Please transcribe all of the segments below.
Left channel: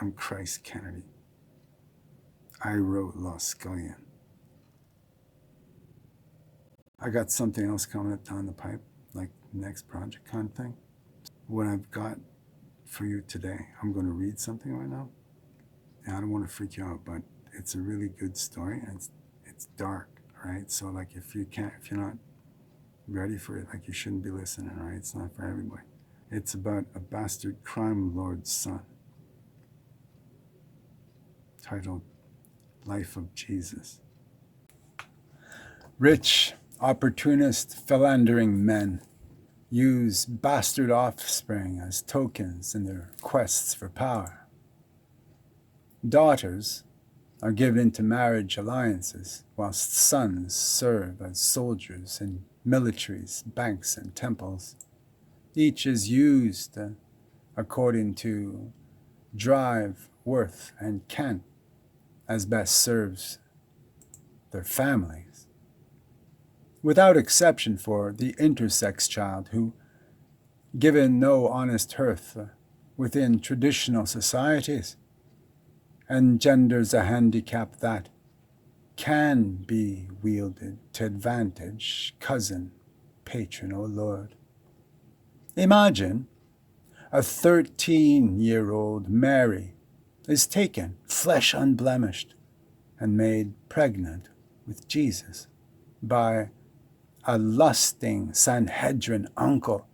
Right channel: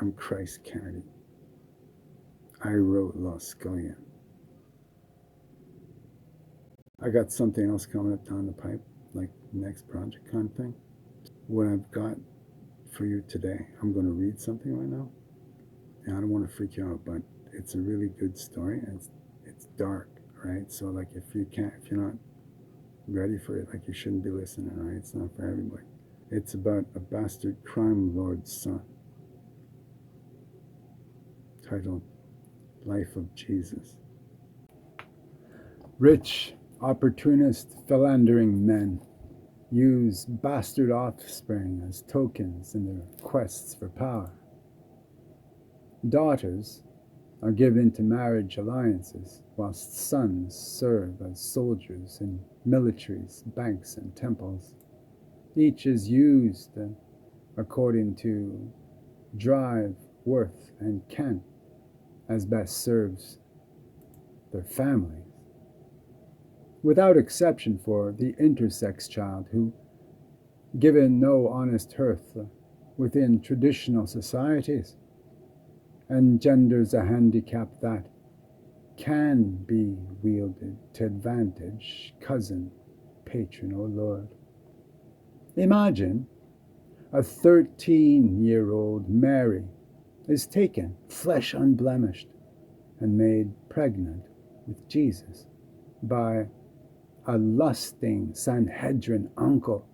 I'm Christ Kennedy. I wrote Lost Scullion. I got something else coming up down the pipe, like next project kind of thing. What I've got for you today, I'm going to read something right now. And I don't want to freak you out, but it's a really good story, and it's dark, right? So like if you're not ready for it, like you shouldn't be listening, right? It's not for everybody. It's about a bastard crime lord's son, titled Life of Jesus. Rich, opportunist, philandering men use bastard offspring as tokens in their quests for power. Daughters are given into marriage alliances, whilst sons serve as soldiers in militaries, banks, and temples. Each is used according to drive, worth, and ken as best serves their families. Without exception for the intersex child who, given no honest hearth within traditional societies, engenders a handicap that can be wielded to advantage, cousin, patron, or lord. Imagine a 13-year-old Mary is taken, flesh unblemished, and made pregnant with Jesus by a lusting Sanhedrin uncle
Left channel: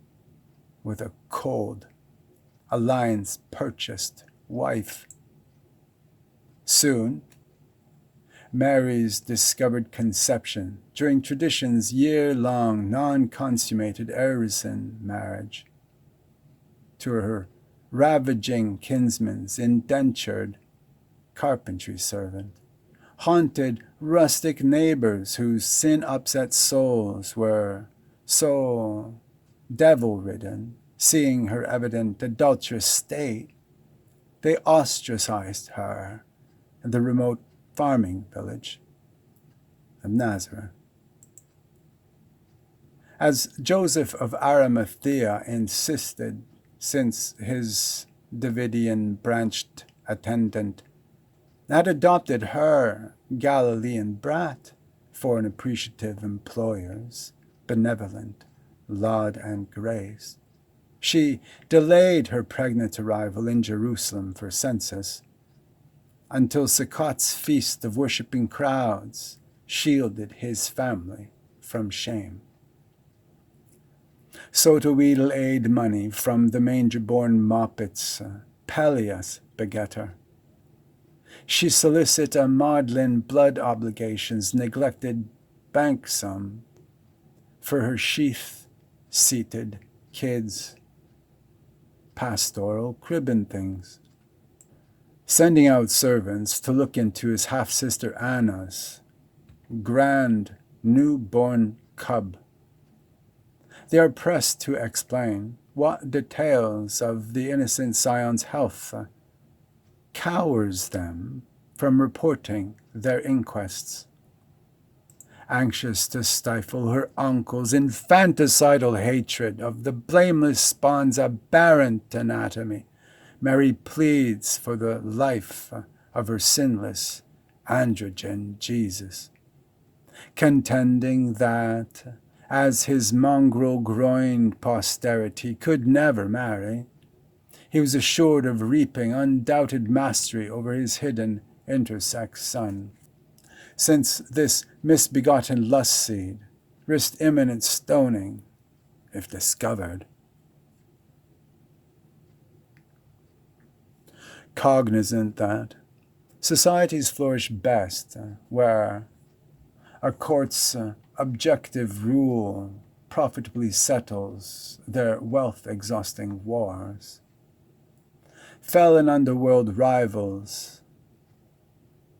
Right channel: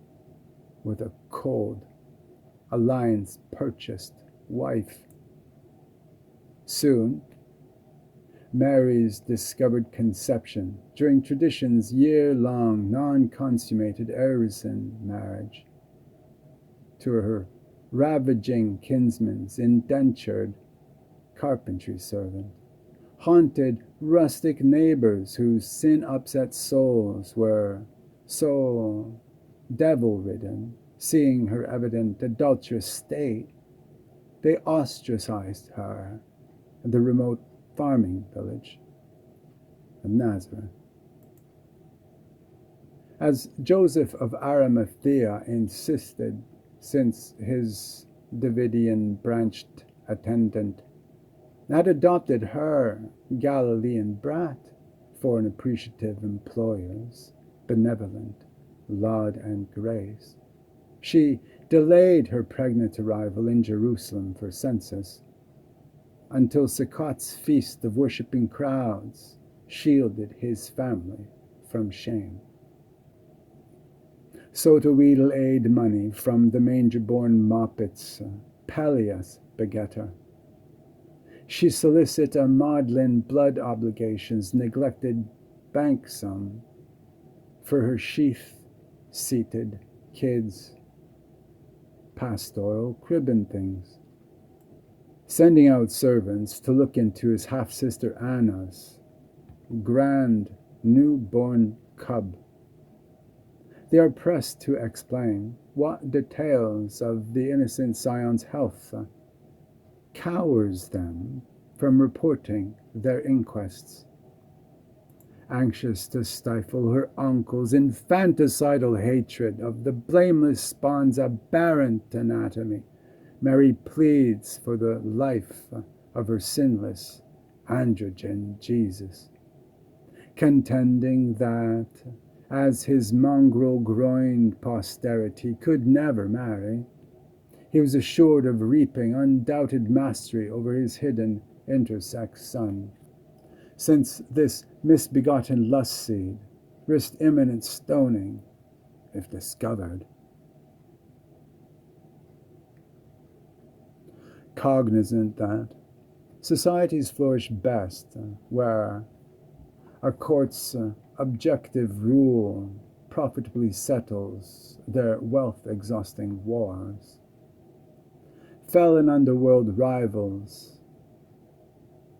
with a cold, alliance-purchased wife. Soon, Mary's discovered conception during tradition's year-long non-consummated artisan marriage to her ravaging kinsman's indentured carpentry servant, haunted rustic neighbors whose sin-upset souls were so devil-ridden, seeing her evident adulterous state, they ostracized her in the remote farming village of Nazareth. As Joseph of Arimathea insisted, since his Davidian branched attendant had adopted her Galilean brat for an appreciative employer's benevolent laud and grace, she delayed her pregnant arrival in Jerusalem for census until Sukkot's feast of worshipping crowds shielded his family from shame. So to wheedle aid money from the manger-born moppets, Peleus beget her. She solicit a maudlin blood obligations neglected bank sum for her sheath-seated kids' pastoral cribbin' things, sending out servants to look into his half-sister Anna's grand newborn cub. They are pressed to explain what details of the innocent scion's health cowers them from reporting their inquests. Anxious to stifle her uncle's infanticidal hatred of the blameless spawn's aberrant anatomy, Mary pleads for the life of her sinless androgen Jesus, contending that, as his mongrel-groined posterity could never marry, he was assured of reaping undoubted mastery over his hidden intersex son, since this misbegotten lust seed risked imminent stoning if discovered. Cognizant that societies flourish best where a court's objective rule profitably settles their wealth-exhausting wars, felon underworld rivals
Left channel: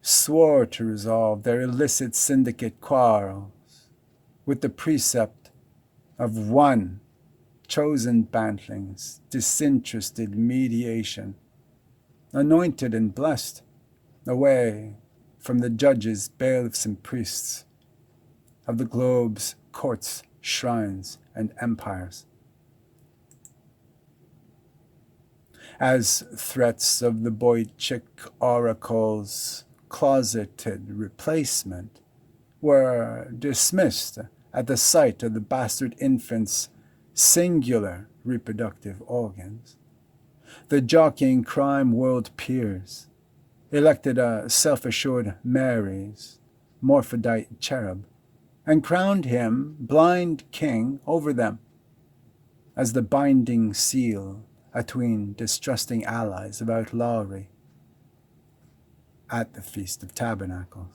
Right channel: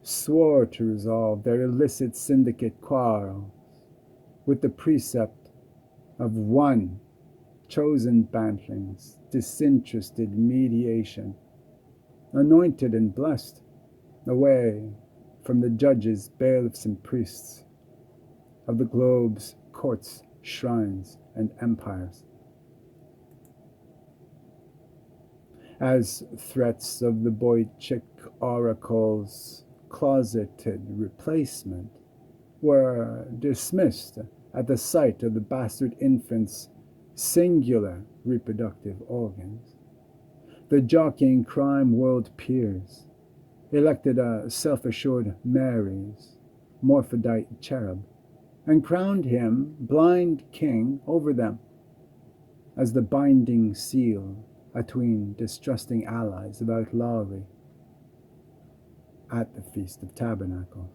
swore to resolve their illicit syndicate quarrels with the precept of one chosen bantling's disinterested mediation, anointed and blessed away from the judges, bailiffs, and priests of the globe's courts, shrines, and empires. as threats of the Boychik oracle's closeted replacement were dismissed at the sight of the bastard infant's singular reproductive organs. The jockeying crime world peers elected a self-assured Mary's morphodite cherub and crowned him blind king over them as the binding seal atween distrusting allies of outlawry at the Feast of Tabernacles.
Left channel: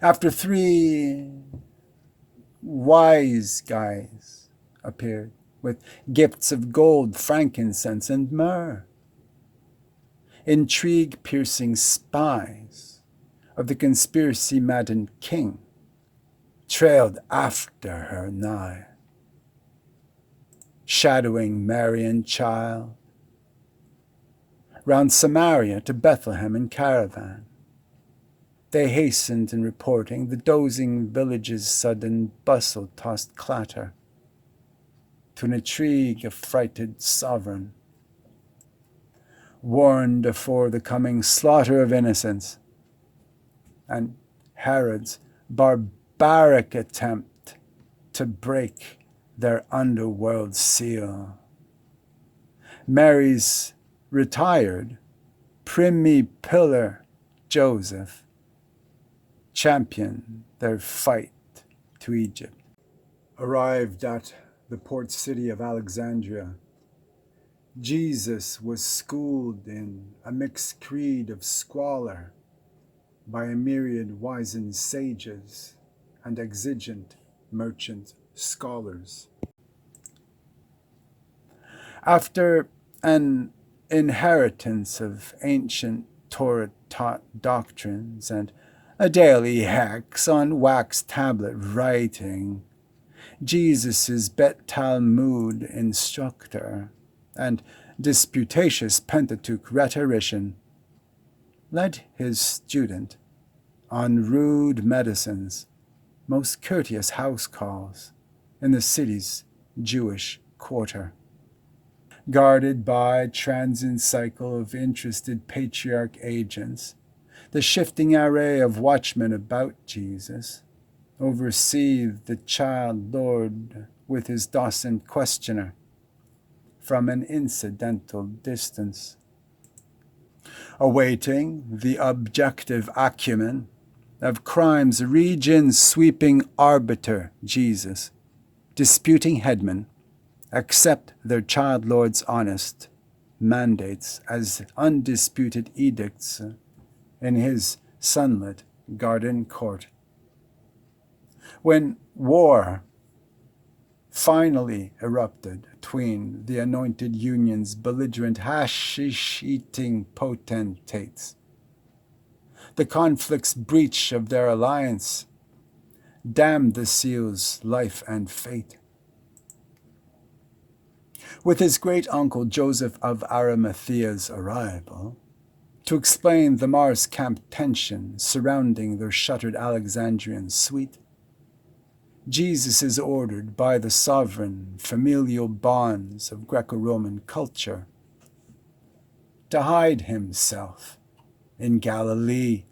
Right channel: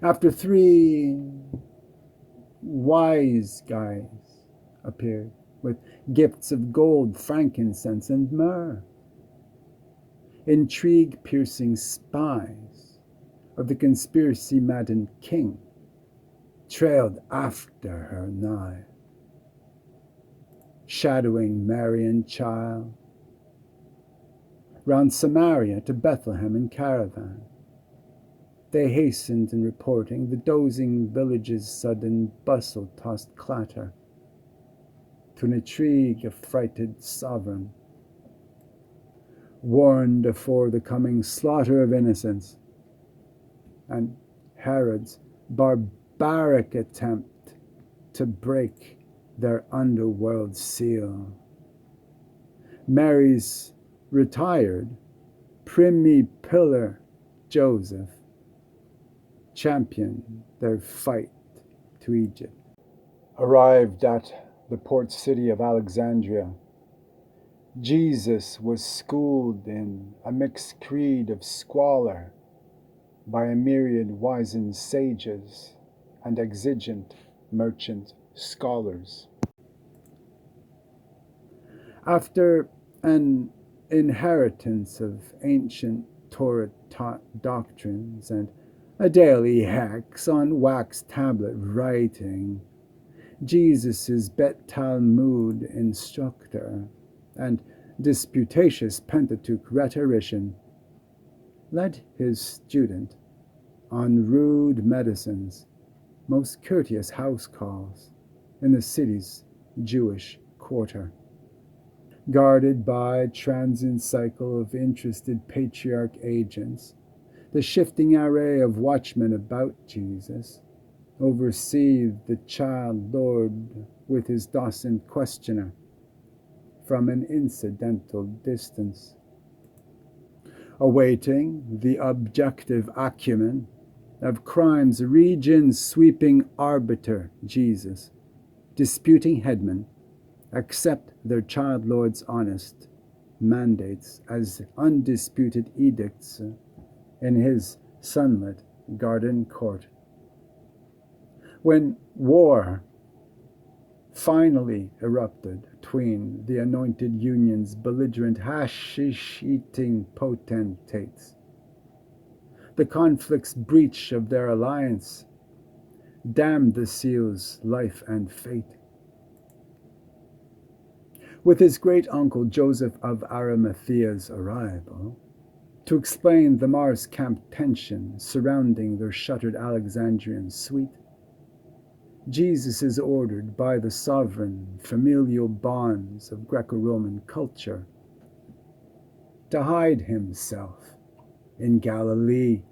After 3 wise guys appeared with gifts of gold, frankincense, and myrrh, intrigue-piercing spies of the conspiracy-maddened king trailed after her nigh, shadowing Mary and child, round Samaria to Bethlehem in caravan. They hastened in reporting the dozing village's sudden bustle-tossed clatter to an intrigue-affrighted sovereign, warned afore the coming slaughter of innocents, and Herod's barbaric attempt to break their underworld seal. Mary's retired primy pillar Joseph championed their fight to Egypt. Arrived at the port city of Alexandria, Jesus was schooled in a mixed creed of squalor by a myriad wizened sages and exigent merchant scholars. After an inheritance of ancient Torah-taught doctrines and a daily hex on wax tablet writing, Jesus' Bet Talmud instructor and disputatious Pentateuch rhetorician led his student on rude medicine's most courteous house calls in the city's Jewish quarter. Guarded by a transient cycle of interested patriarch agents, the shifting array of watchmen about Jesus overseethed the child Lord with his docent questioner from an incidental distance, awaiting the objective acumen of crime's region-sweeping arbiter Jesus. Disputing headmen accept their child lord's honest mandates as undisputed edicts in his sunlit garden court. When war finally erupted between the anointed union's belligerent hashish-eating potentates, the conflict's breach of their alliance damned the seal's life and fate. With his great-uncle Joseph of Arimathea's arrival, to explain the Mars camp tension surrounding their shuttered Alexandrian suite, Jesus is ordered by the sovereign familial bonds of Greco-Roman culture to hide himself in Galilee.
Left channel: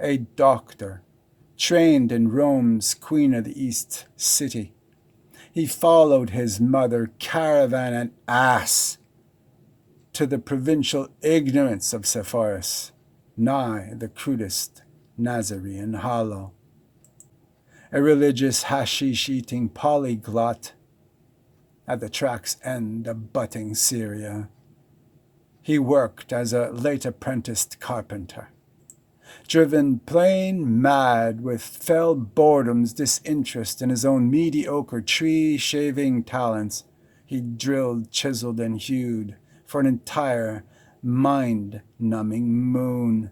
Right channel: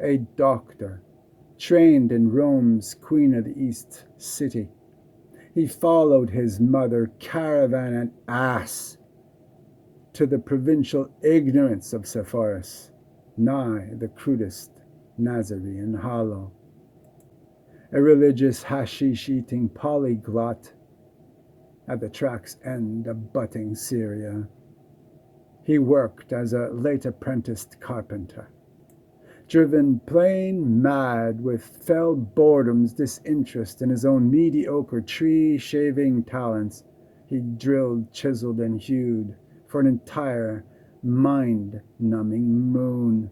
A doctor trained in Rome's Queen of the East city, he followed his mother caravan and ass to the provincial ignorance of Sepphoris, nigh the crudest Nazarene hollow. A religious hashish-eating polyglot at the track's end abutting Syria. He worked as a late-apprenticed carpenter, driven plain mad with fell boredom's disinterest in his own mediocre tree-shaving talents. He drilled, chiseled, and hewed for an entire mind-numbing moon.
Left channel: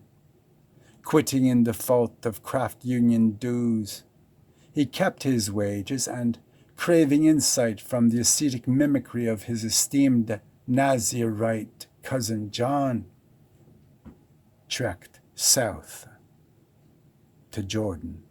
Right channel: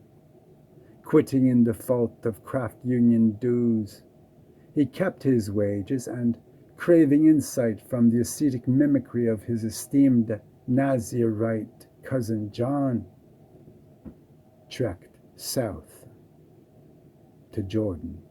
Quitting in default of craft union dues, he kept his wages and, craving insight from the ascetic mimicry of his esteemed Nazirite cousin John, trekked south to Jordan.